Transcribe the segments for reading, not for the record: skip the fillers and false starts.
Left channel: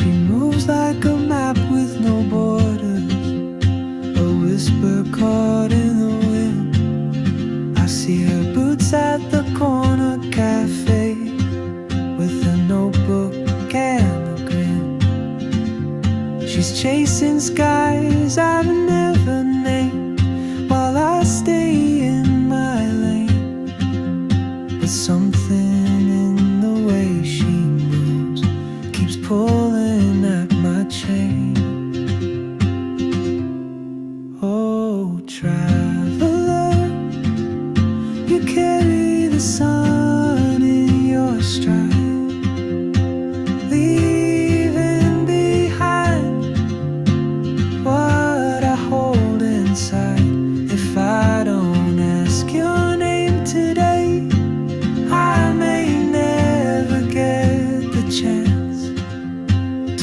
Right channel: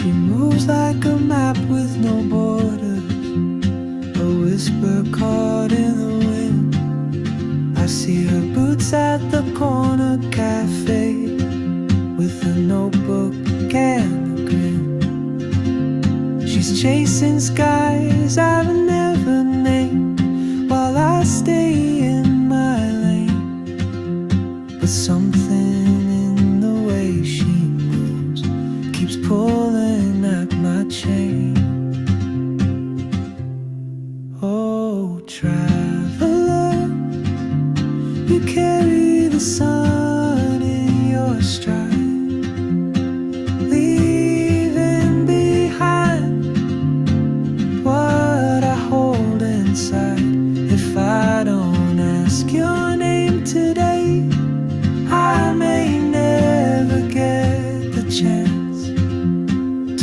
She moves like a map with no borders, a whisper caught in the wind. I see her boots at the corner cafe, with a notebook and a grin. She's chasing skies I've never named, while I stay in my lane. But something in the way she moves keeps pulling at my chain. Oh, traveler, you carry the sun in your stride, leaving behind what I hold inside. If I don't ask your name today, I may never get the chance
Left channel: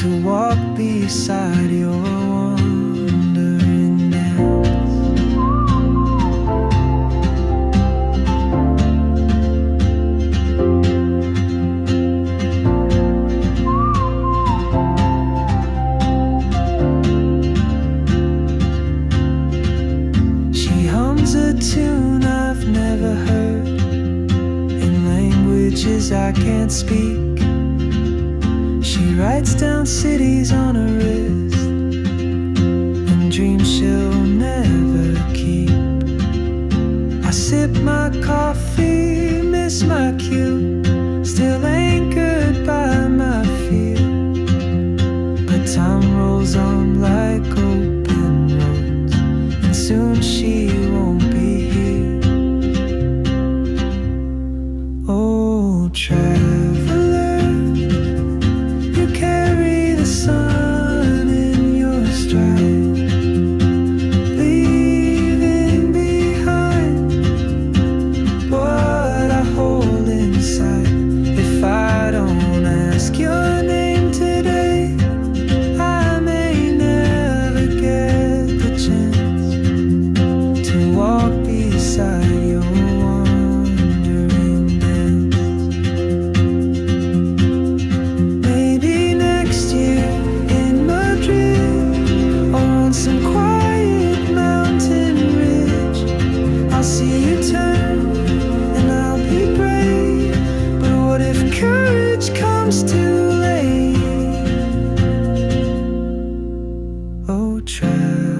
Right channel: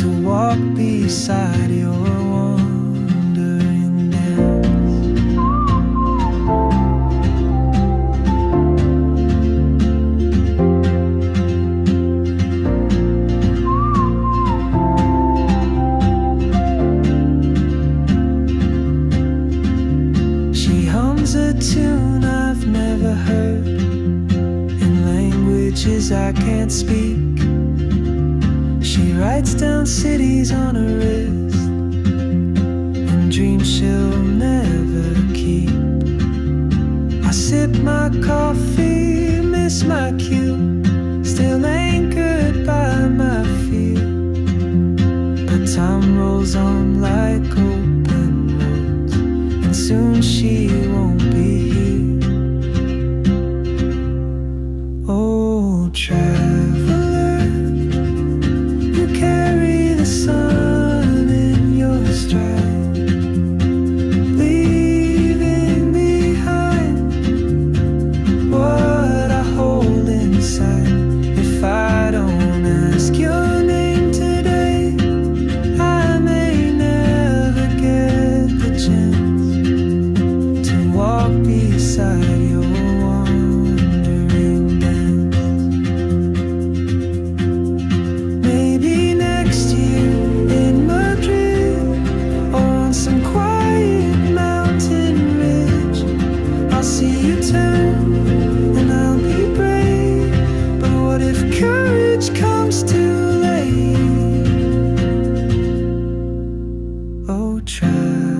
to walk beside your wandering dance. She hums a tune I've never heard, in languages I can't speak. She writes down cities on her wrist, and dreams she'll never keep. I sip my coffee, miss my cue, still anchored by my fear. But time rolls on like open roads, and soon she won't be here. Oh, traveler, you carry the sun in your stride, leaving behind what I hold inside. If I don't ask your name today, I may never get the chance to walk beside your wandering dance. Maybe next year in Madrid, or on some quiet mountain ridge, I'll see you turn and I'll be brave. But what if courage comes too late? Oh, try.